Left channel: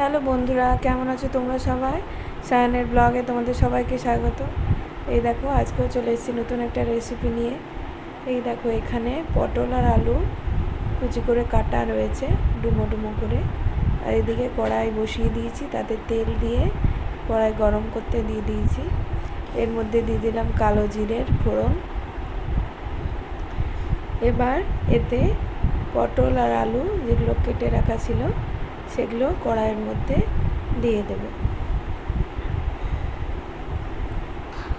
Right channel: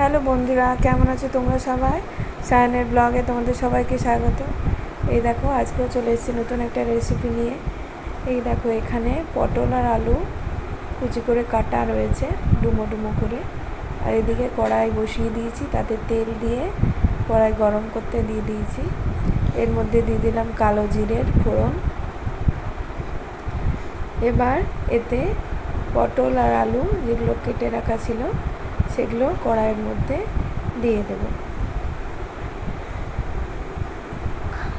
Hello বন্ধুরা, কেমন আছো তোমরা সবাই? সায়নের ব্লগে তোমাদের সবাইকে স্বাগত। এই দেখো, আজকেও চলে এসেছি নতুন একটা রেসিপি নিয়ে। এই দেখো, এখানে পটল আর আলু কুচি করে কাটা রয়েছে, ডুমো ডুমো করে। আর এদিকে কড়াই বসিয়ে দিয়েছি, তাতে তেল দিয়ে কড়াই গরম করতে দিয়ে দিয়েছি। এর মধ্যে দিয়ে দিলাম কালো জিরের ফোড়ন। এবার এতে পটল আর আলু যেগুলো কেটে রাখা ছিল সেগুলো কড়াইয়ের মধ্যে দিয়ে দেব।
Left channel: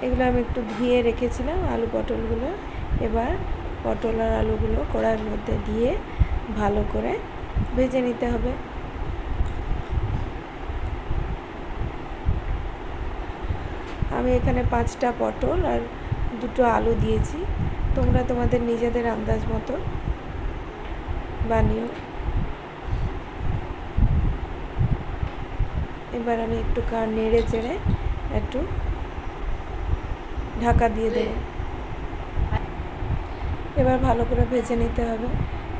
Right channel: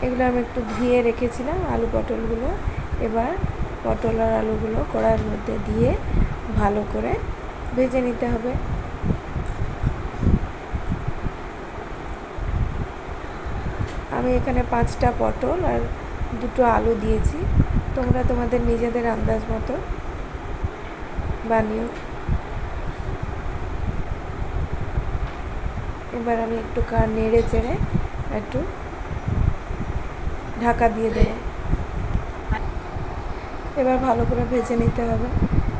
এগুলো আমি একটু ধুয়ে রেখেছিলাম আলু পটলগুলো। এবার পটল আর আলুগুলো কড়াইয়ের মধ্যে দিয়ে ভালো করে ভেজে নিতে হবে। আমি এখানে পাঁচটা পটল আর দুটো আলু দিয়েছি। তোমরা তোমাদের নিজেদের আন্দাজ মতো বানিও। এবার আমি একটু কা নেড়ে চেড়ে একটু ঢাকা দিয়ে দেবো। এবার ভালো করে ভেজে নিতে হবে।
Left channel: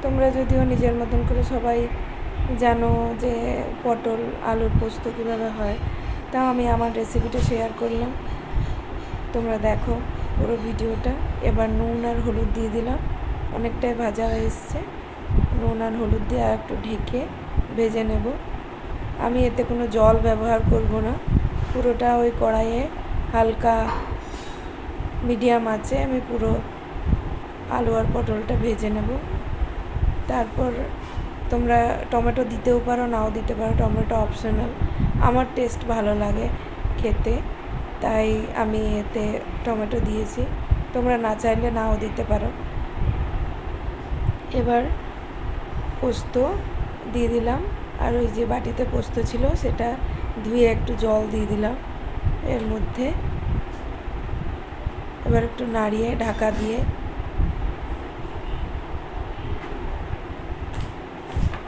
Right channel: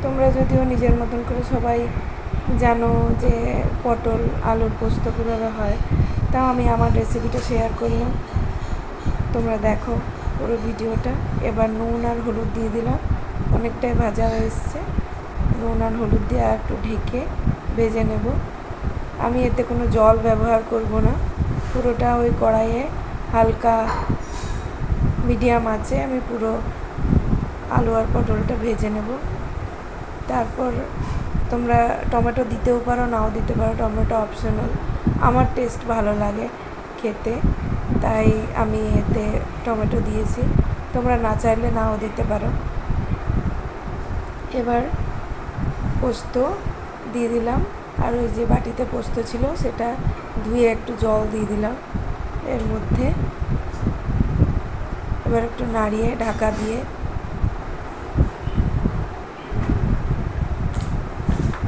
তোমরা যদিও নিজের মতন করে সবাই জানো যে পটল, আলুর পোস্ত কীভাবে হয়, তাও আমি আমার রেসিপিটা শেয়ার করলাম। তোমরা দেখো পুরো ভিডিওটা। এবার নুন আর হলুদ দিয়ে দিলাম। অনেকটাই ভাজা হয়ে এসছে। নুন আর হলুদ দিয়ে আর একটু ঢেকে ভেজে নেব। আমি এতে কোনো জল ব্যবহার করব না। পুরোটা ওই কড়াইয়ে হালকা মিডিয়াম আছে, আমি পুরো আলু আর পটলটা ভেজে নেব। তারপর তোমরা টমেটো দিতেও পারো, নাও দিতে পারো, টমেটো অপশনাল আমার টেস্ট ভালো লাগে খেতে, তাই আমি এতে টমেটো দিয়েছি। তোমরা না চাইলে নাও দিতে পারো। এবার পোস্ত দিয়ে দিলাম। আর ওই যে বাটিতে পোস্ত ছিল, সেটা ধুয়ে একটু জল দিয়ে দিলাম। এর মধ্যে এবার একটু নাড়িয়ে, ঢাকা দিয়ে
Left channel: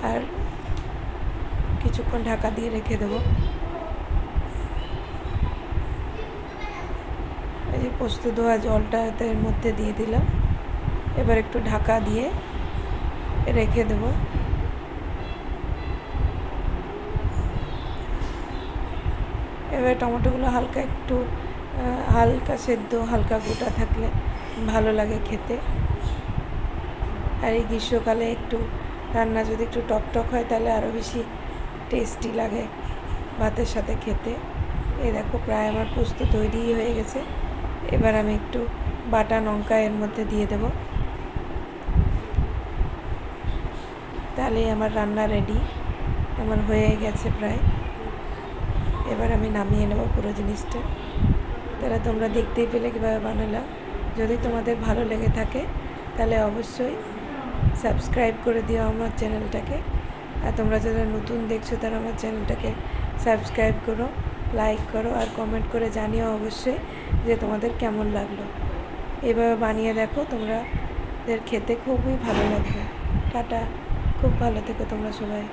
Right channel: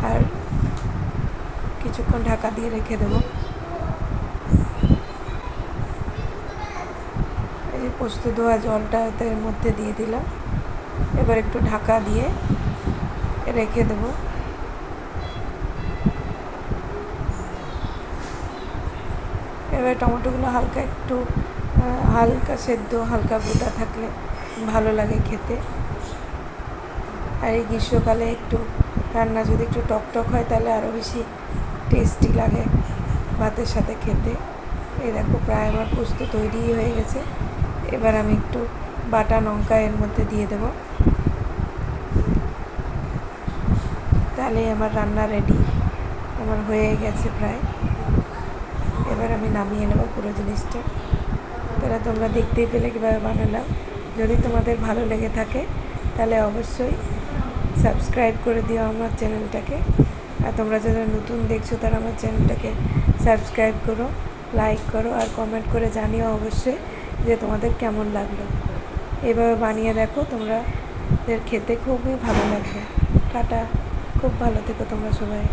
আর কিছুক্ষণ ঢাকা দিয়ে রেখে দেবো। এই পোস্ত ধোয়া জলটা এর মধ্যে দিয়ে দিলাম। এবার একটু ঢাকা দিয়ে রেখে দেবো। এবার টমেটোগুলো হালকা একটু হালকা সেদ্ধ, হালকা গোটা থাকলে ভালো লাগে খেতে। আর এই গ্রীষ্মকালে একটু রান্না যদি একটু টক টক হয় তাহলে আরও বেশি টেস্টি লাগে ভাতের সাথে খেতে। এ দেখো প্রায় আমার পোস্ত তৈরিই হয়ে গেছে। এবার আমি একটু বাটা লঙ্কা এর মধ্যে দিয়ে দেব। তাহলে আমার রান্না রেডি আমার হয়ে গেছে প্রায়। এবার আমি নামিয়ে নেব পুরো জিনিসটা। তাহলে তোমরা দেখতেই পেলে কীভাবে বানালাম। যদি তোমাদের ভালো লেগে থাকে, তাহলে অবশ্যই সাবস্ক্রাইব করে দিও আমার চ্যানেলটাকে। আর তোমরা যারা নতুন দেখছ, তারা আমার চ্যানেলটাকে সাবস্ক্রাইব করো, লাইক করো আর কমেন্ট করে জানিও অবশ্যই যে তোমাদের কেমন লাগল। এভাবে বানিয়ে দেখো তোমরা খেতে খুবই ভালো লাগবে। টাটা, খুব ভালো থেকো তোমরা সবাই।